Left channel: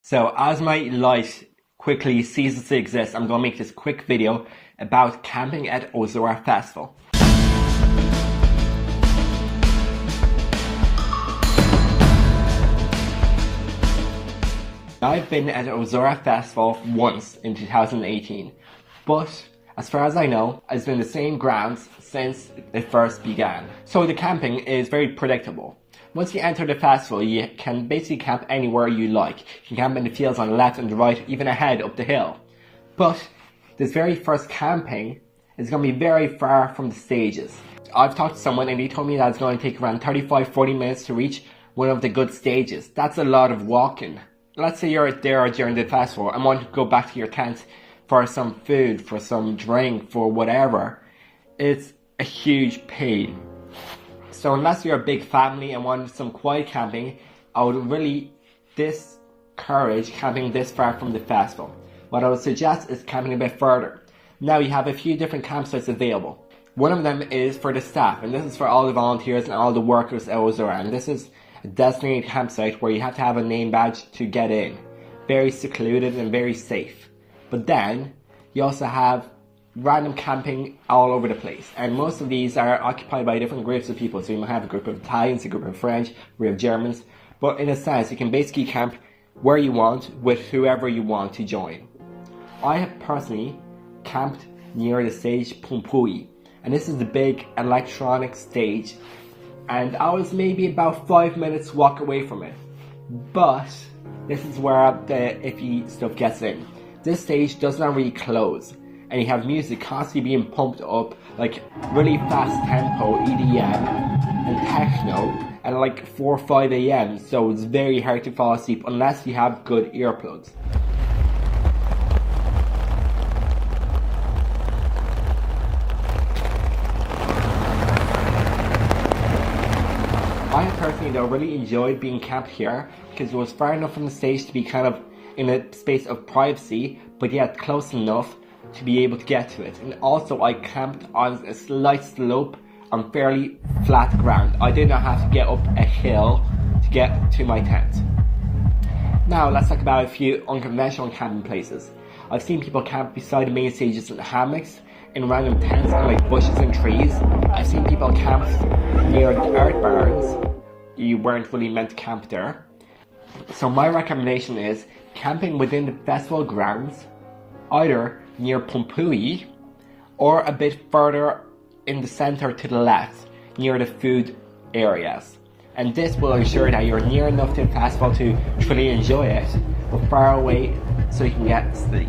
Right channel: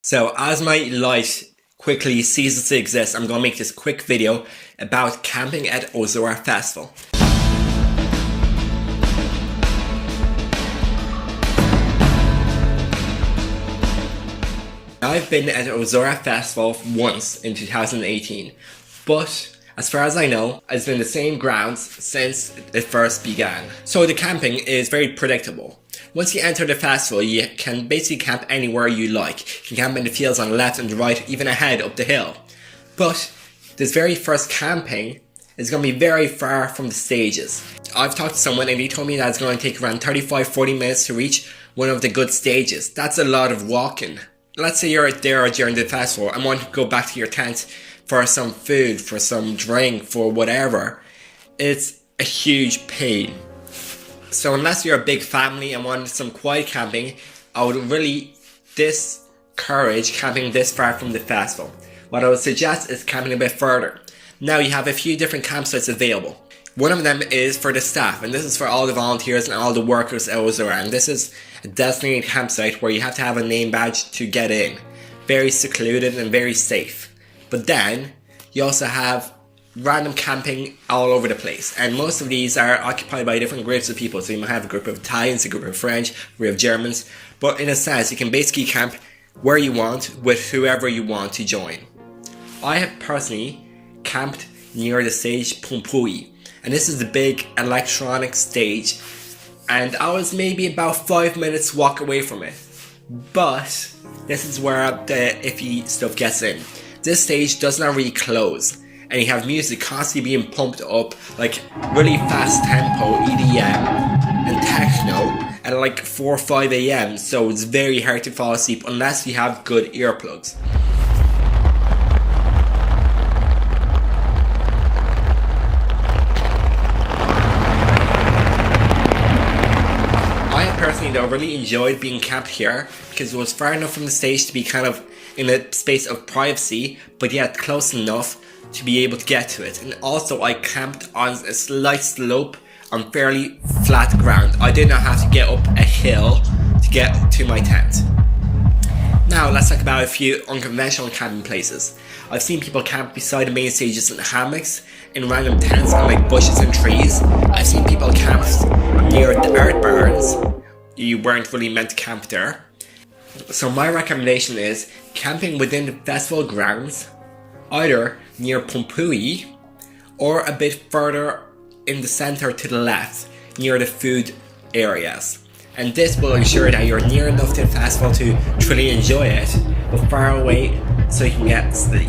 So as my life quickly ceases to exist, I'm going to make this quick video about camping at Ozora Festival. I've been at Ozora Festival once in 2018, but as far as I know, it's been the same grounds since it first began. So the camping is very predictable. Once you enter the festival, you can basically camp anywhere you like. You can camp in the fields on the left and the right, even ahead up the hill. But this very first camping is going to be very far from the stages. I've talked to someone and they told me that it's going to take around 35-40 minutes to reach one of the good stages. That's a lot of walking. Let's say you're there during the festival and want to go back to your tent for some food, for some drink, for whatever. It's a huge pain. So unless you're a big family and want some quiet camping, I would really discourage camping this far from the festival. What I would suggest is camping a bit further. Now you have a few different campsites available. One of them is for the staff, and this is for all the volunteers and all the workers at Ozora, and this is a designated campsite where you have to have a name badge to get in. Very secluded and very safe. But then you also have random camping all over the place, and most of these are occupied by different groups of people. So you might have a group of Italians, a group of French, a group of Germans, but in a sense you can basically camp where you want with whoever you want to join. I have personally camped near the stage Pompui, and this is the big electronic stage, and I was maybe about 5 minutes walk away from it. But this is where the iffy stuff gets in. This stage does not really close, and you have music constantly being pumped up, like really fast tempo EDM and techno at like 4 or 5 AM, so it's very hard to fall asleep unless you have good earplugs. I personally though really enjoyed being camped here because it was far enough from the stage to be kind of in a space of privacy, but yet close enough to be able to get to it. And also I camped on a slight slope on fairly flat ground. I did not have to get up a hill to get to my tent. Now let's talk about a few unconventional camping places. I've seen people camp beside the main stages in hammocks, in random tents on like bushes and trees. I've seen people camp near the earth barns. You weren't really meant to camp there. So my recommendation is camping within the festival grounds, either near Pompui or a bit further in the center to the left, near the food areas. And this will ensure that you're near enough to the festival to truly enjoy it, but far away so you can get sleep.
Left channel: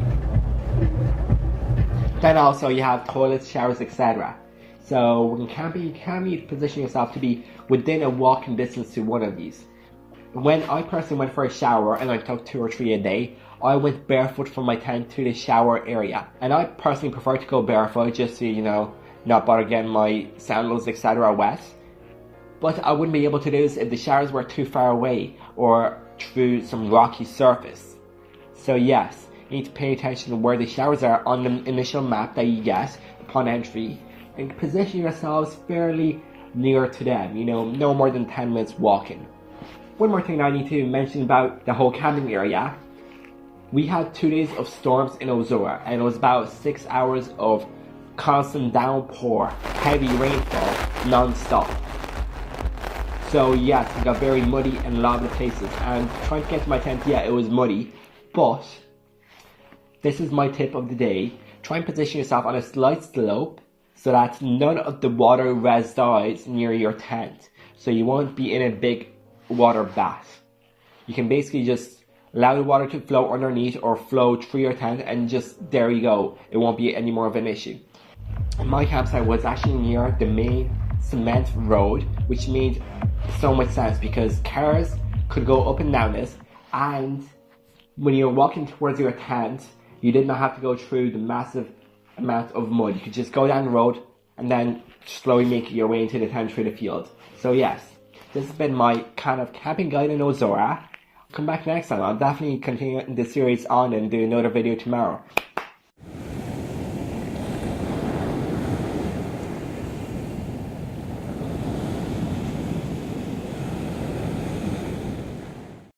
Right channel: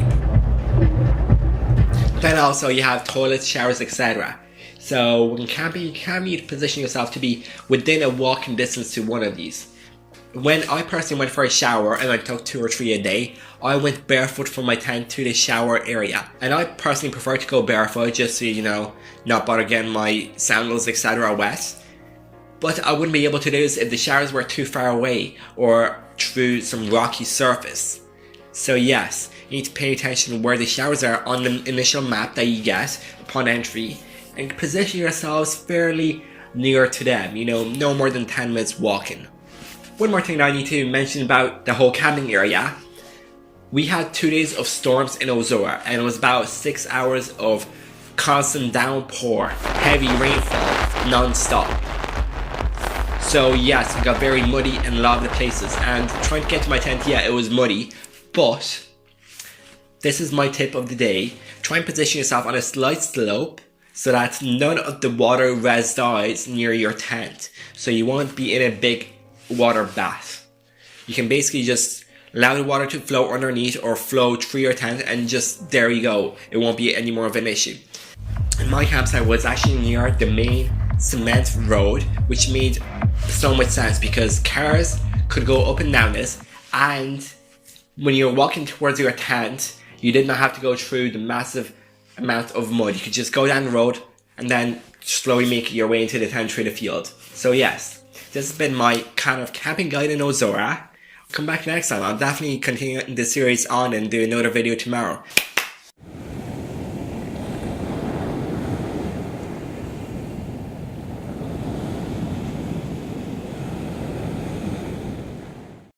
Then also you have toilets, showers, etc. So when camping, you can need to position yourself to be within a walking distance to one of these. When I personally went for a shower, and I took 2 or 3 a day, I went barefoot from my tent to the shower area. And I personally prefer to go barefoot just to, not bother getting my sandals, etc. wet. But I wouldn't be able to do this if the showers were too far away or through some rocky surface. So yes, you need to pay attention to where the showers are on the initial map that you get upon entry, and position yourselves fairly near to them, no more than 10 minutes walking. One more thing that I need to mention about the whole camping area. We had 2 days of storms in Ozora, and it was about 6 hours of constant downpour, heavy rainfall, non-stop. So yes, it got very muddy in a lot of the places, and trying to get to my tent, yeah, it was muddy, but this is my tip of the day. Try and position yourself on a slight slope so that none of the water resides near your tent, so you won't be in a big water bath. You can basically just allow the water to flow underneath or flow through your tent, and just there you go. It won't be any more of an issue. My campsite was actually near the main cement road, which made so much sense because cars could go up and down this, and when you're walking towards your tent, you did not have to go through the massive amount of mud. You could just go down the road and then slowly make your way into the tent through the field. So yes, this has been my kind of camping guide in Ozora. Come back next time. I'll definitely continue this series on and do another video tomorrow.